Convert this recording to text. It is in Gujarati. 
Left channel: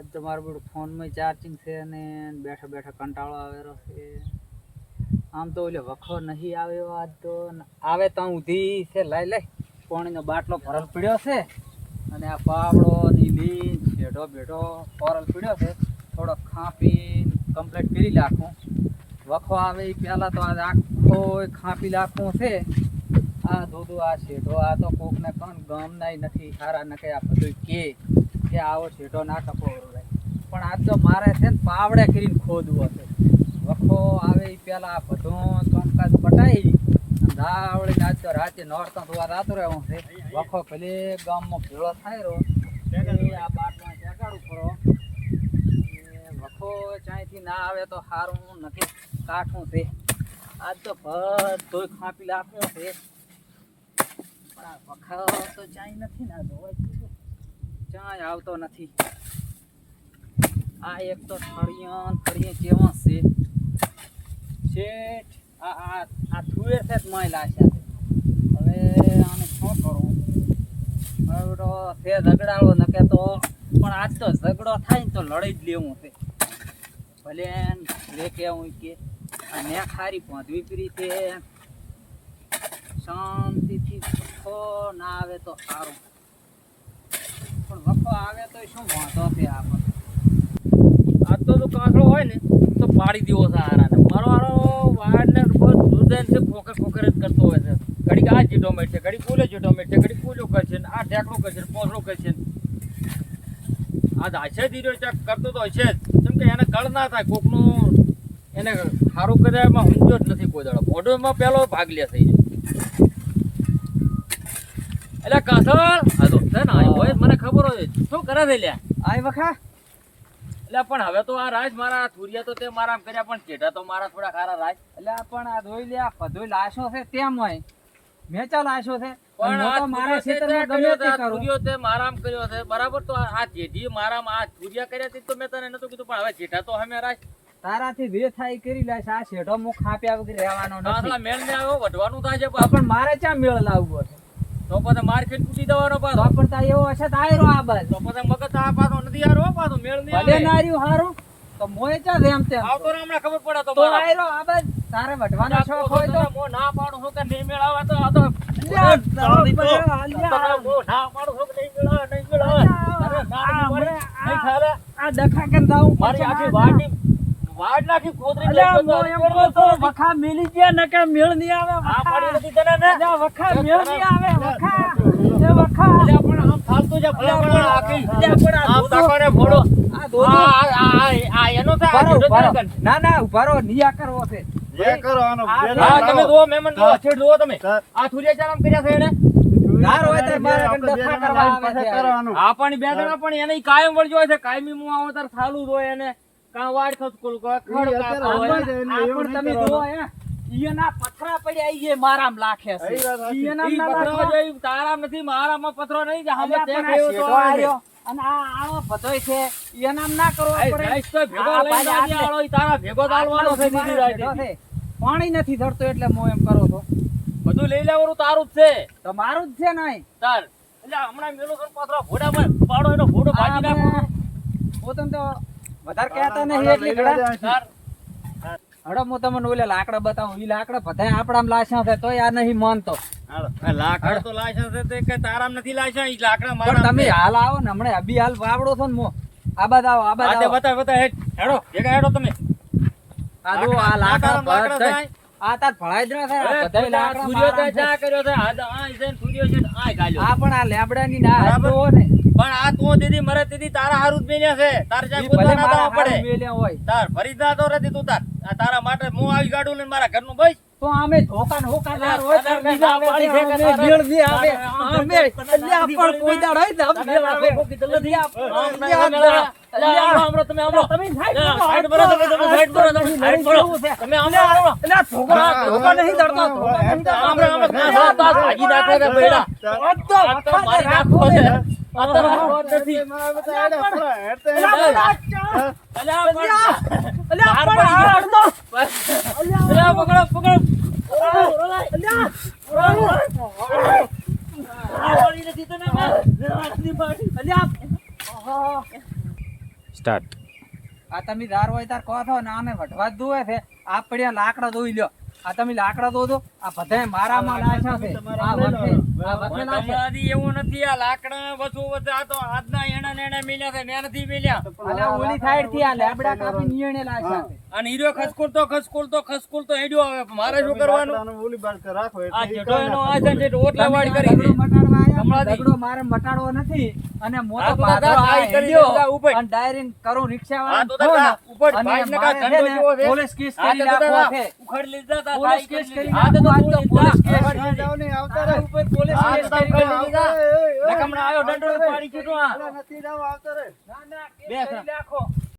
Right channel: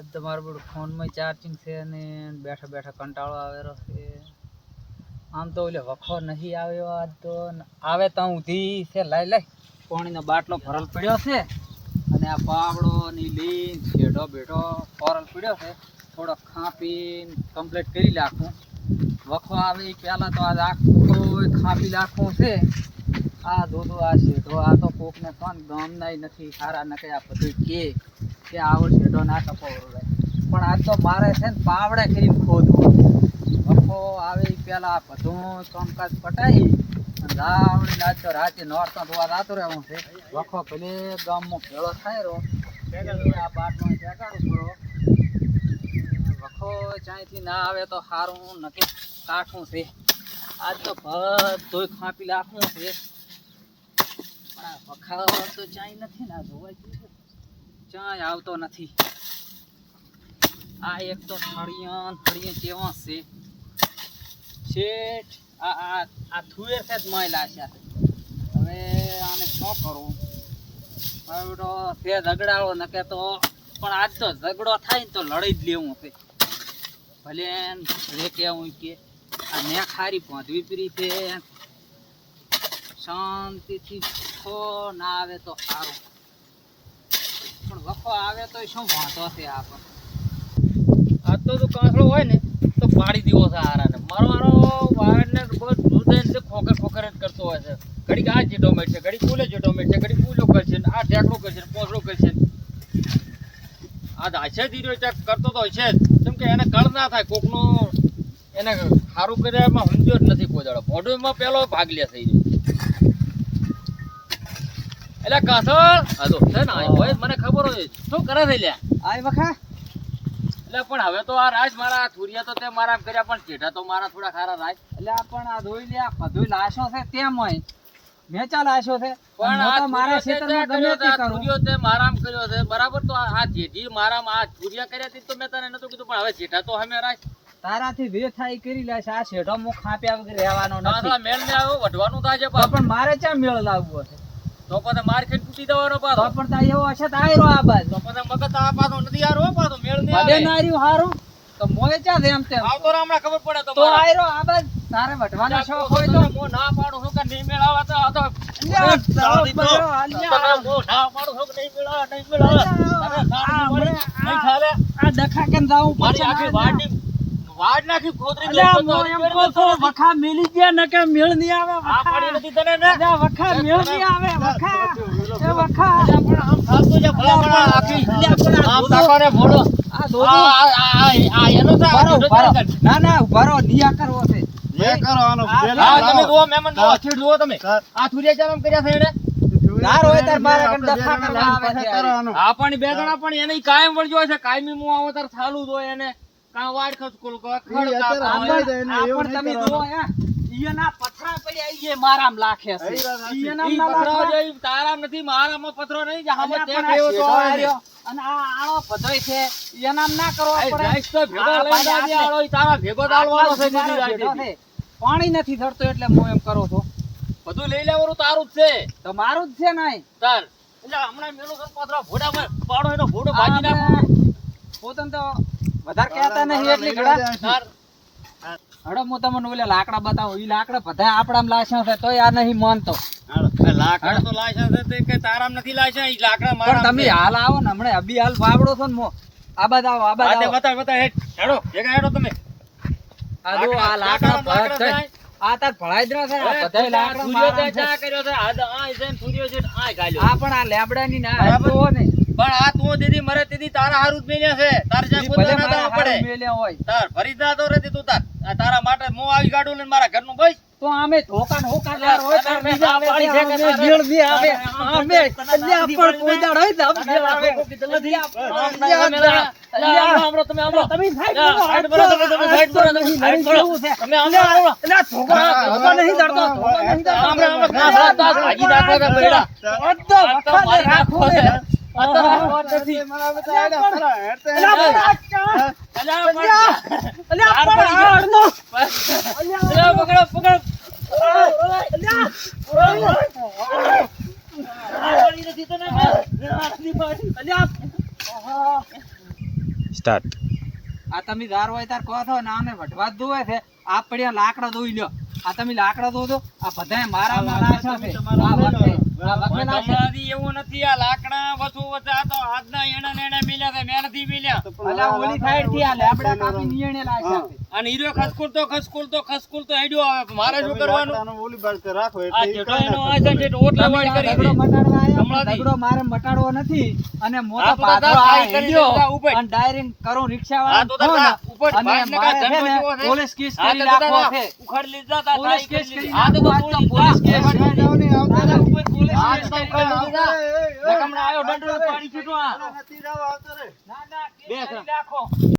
આજ તો મારું બધું ફોનમાં ચાર્જિંગ છે ને બેઠા બેઠા કંટાળો આવેલો છે. આમ તો ઓલે વખો નહીં આવ્યો આજ તો આવે ત્યાં ઊધી છે. લઈ પાણીનો બાટલો ભરલ પડ્યો છે અને આ પાવડો નીલી બેઠો બેઠો ફોરલ પડ્યો છે. થોડો ખાંપીને કમ્પ્લીટ કરી નાખું. વખો આવે એ પહેલાં તો આજ આખો ખાંપી નાખવું છે. આ દૂધું આ શેઢો આ તો કોકને પણ ગમનાય નથી સારા ન કે આ બધું કે આવો શેઢો ના કપાવો લે. પણ આજ તો મારે છે ને પાવડે કરીને ખોદવું. વખો આવે એ પહેલાં આ બધું કામકાજ પટાવી રાવડી આજ તો રાતે નોરતો ધોવા રાતો રહેવું છે. વખો ભલે ગામમાં ભેળો થાય રહ્યો આ બાટમાં ચગાડવું પડો. વખો ચાંયથી ના આવે તો સારું નક્કી કાઠું છે. આજ તો બધું ખાંપી નાખવું છે. પણ આ વખા તો ચાય નથી ને ધોવાય ચાય આવતો નથી. આ એક તો થળિયા કેવા છે શેઠ. આ થુએ છે જ મહિલા છે. હવે આને શું કરવું? હવે તો તે ઝઘડાળો નકે તો પણ આજ તો ઝઘડો થાય ને તો લડી જ લેવું છે. ભલે રે કેવું કે આ ને ખારી પહોંચવી પરી છે. શાંતિથી વખો ના આવે તો સારું. પણ વખો આવે તો શું વાંધો છે આપણને? આ તો કાંસળો હોય ને તો પાડી દેવો છે આરાને. મારો વાળને દૂધેન છે ખોખર જ કરતો હોય છે. ઘડીક આ જેટો મેટ છે, ઘડીક ફૂલે જેટો મેટ છે, ઘડીક ફૂલો કરશે ને આ ઢેકડો કરશે ને પોસડો કરશે. આ હાશે ધીરો કરતો તો હશે જ. કેમ કે એને કળ ના થાય કોકનું એને સારું કર્યામાં સમજો જ નથી કોઈ દાડો. મોઢુંમાં પહેલો ભાગ લે થઈ જાય. એટલે કાસળ હા તો છે ને હોય મને ખબર હોય શું કરે છે લ્યા આય વખા. એટલે પણ હવે તો આ રાજ મારા થુરિયા તો તે મારા કર્યા પણ ચેઢા તો મારા થોડા ખારા રાજ. એટલે આ પણ આ ધોઈ લે આ બધું લાશો છે તેમ હોય મેચા લાશો છે. પણ આ મારા ક્ષેત્રમાં ગમે તે કરું. થુરિયો તે મારામ કર્યો છે બરાબર. તો આ જેઠી મારામાં આ થુરિયા કર્યા હતી તો મેં તને નતું કીધું. પણ હવે ચેઢા તો અમે રાજ તારાથી વે થાય કરી લેશે. આ શેઢો મુખ ખાપ્યા વગર રહેવાનો નથી. મેળ ને આવ્યો વઢવાનું થાય છે પણ મારે ક્યાં મેળ લાવવો છે? તો પછી માર્કેટ તૂટી દેવાનો તો પાછો. પણ તા એવો હશે તો આયરો આ બાજ તો પછી મગજ આ પાછો નથી આરો પાછો મેળ નહીં ભલે આવે. નાર્યું હારું તો મોય ચા જેમ તેમ આવતો રે હમણાં ખબર પડે તો આયરો આ બાજ. તારે વઢવાનો શોખ હોય તો મો ના પાડું છું કે નહીં મેળ આવે તો આ તો અલ્યા, તારો બરો, અલ્યા. મો ના પાડું છું કે નહીં મેળ આવે નહીં મેળ આવે. અરે ના મળે નહીં થાલે. આ ડખા કેમ જાવું મારી આખી વાડની વાડ નાખી ખોદરી અલ્યા દઉં તો મો એમ કહો છો વખા મેલી ગયા ન કે મેળ નહીં આવે. આ પાડી નથી તને ને. અલ્યા વખા મેળ નહીં આવે. વખા એ વખા પણ આમ થાલતો છે ભલા આખી. અલ્યા પણ આ આમ દોદો તાકાને ભોળો. આ દોદો આ એનો તો આ ઉભારો, જેઠો ઉભારો. જ ના ના ઉભારો નિયા કરવો છે. જે કરો આનો હા, બેન હા લાવો. તમે જુઓ મહેમાન જુઓ છેડ જુઓ તમે. સર. આ થુરિયા ચાલમ કર્યા છે એને. ના રોય તાર મારે આપણે કણ ડખા બેન કરવા લાવીને આવે છે. પાછા કરો આનો. આ પણ બેગણા પણ એને કાયમ વળજો છે. કાયમી હું આવો તાર ચાલુ જ હોય એને. કાં વાડ ખસકોલ ખડ અત્યારે કાપા આંબા હોય. જાય. આ એવું પણ નહીં તમે કરવાનું. જુઓ હે ઈયના પથરા પડ્યા ઈએ મારામ લાખે છે. એ વાત સાચી. ઈયના ઈ ના પથરો લાખવા. જે તારામ નથી મારામાં પથરો નહીં જે હામે અલ્યા તે પણ આ કેવો તો શેઢો આવે. આર્યો અને આ આળો બધોય છે ઈયનામ ના કરવો એ પડે. રાઈસ તો ભેગો આ લઈને પાછા આવજે, આટલે. આળો ઈ તારા ભેગો દાળવાનો છે આટલા બીજી શેઢો રાઈતે. છે. પાણી નથી ધરતો એટલે હું એમ કરું છું. બધું લઈ લેવાનું તારું જ છે તો મારું જ છે નહીં. તાર. એટલે હમણાં મેલો છે પથરો ભોડામાં પાડો એનો ભોડો ભાજી નાખો. પોતાને તો વધારે કહેતા નહીં એટલી ઘડા. તાર હડો હું તમને ઓલે લાકડા બતાવું. ઈ લાકડા બધા આપણામાં લાશ્યા છે તોય આ નહીં માનતો. આ લાકડા તો લાયસન્સ છે તે કઈ તારામ નથી લાયસન્સ. ઈ લાકડા પણ મારા તમે હાલ આવો ને હમણાં અભી હાલ વાવડો છો ને મો આ બાદ આવો આ બાદ આવો. બતા હેડ હેડો ભેગા હેડો તમે. આ જો આ લાકડા લાકડા ભરાય થાય. આ તાર ભળાઈ જ ના થાય. આ અરે બધાય લાકડા મારા છે. ચા કર્યો છે હાલ આ છે ને સૂર્ય છે ને આ ગાલ્યો. આ પણ આ લેબડાની ના બરાબર. હતો ને પણ આ તું દીદી મરે દીદી તારા હારું જ મેલ્યા છે. તાર જ્યાં ઈ કોઈ ભલે ના મારા દાવા પડે. હારું મેલ્યા હોય તાર ફરી જા તો રહેતી તું તાર. આ તારા માટે હું આવી ગાડું લઈને મારા ઘરનું બસ. તો અમે ધોકા ને હોકાદાર હોય તો તમે બીજા ના પાડી છે કે અમે તારે- ભીડ બી આવે. તારે- અમે અલ્યા પણ કોઈ દાડ હોય તો અમે ભીડ આવે. તમે સાઈડ કરો. અલ્યા ધોકા નહીં દડતો. ધોકા નહીં દડતો. તો વખાને રાખો છે. મારા બધા આડા ફરા. હેડતા અલ્યા હેડતા. પણ અલ્યા પણ આ અડધો. સ્ટાર્ટ. આ તમે ધાર હોય તાર કહો છો ને આને વઢવા જ દોવે છે આ પડ્યા લાકડા દોઈ લ્યો આ તમે લાકડા દો આ બધાય મારામાં નાશા છે આ વખતે નાશા. તમારી એવું નથી આ લાકડા વસુ વસુ આ તો આજના એણા ને એણા મિલ્યા છે મેં નથી મિલ્યા અલા ઓલી સાઈડ થી આ લેબડા કાપી નિયણે લાશા છે. અને હીરો ખસકુલતો હેડ્યો આવે મારે શું કરવાનું આનો ઓલી બાજુ તો રાખો આ એટલે જેટલો એનો આયસન છે ઓટલા વાળી કરી દગડો દે મટાડવા આયા, હમણાંથી. દગડો મારે મટાડવો નથી અને મોટો આ તો પાથરો દાદા આ ભાઈ કરી હેડ્યો દેતા ઉપર. અને ડાયરેક્ટ કરું રિક્ષા આ તો દાદા ઉપર ભાઈને કા ધંધો જેવો છે. પોલીસ કેસ આ કરી તો નાખવો દાદા છે. ઉખાડી લીધા તા પોલીસ તાઈ કેસ કરી આ તો નાખવો, આજ તો પોલીસ કેસ આવતા જાઓ ને, આવતા તારા રહો. ઉપર પોલીસ આ કેસ તો કરી તાઈ નાખવો. લીધા. આવતા રહો. નકમણા આવ્યો દંડો પાડી છૂટવા નથી જાવ આવતા રહે. ના ના કેસ બે કરી નાખો.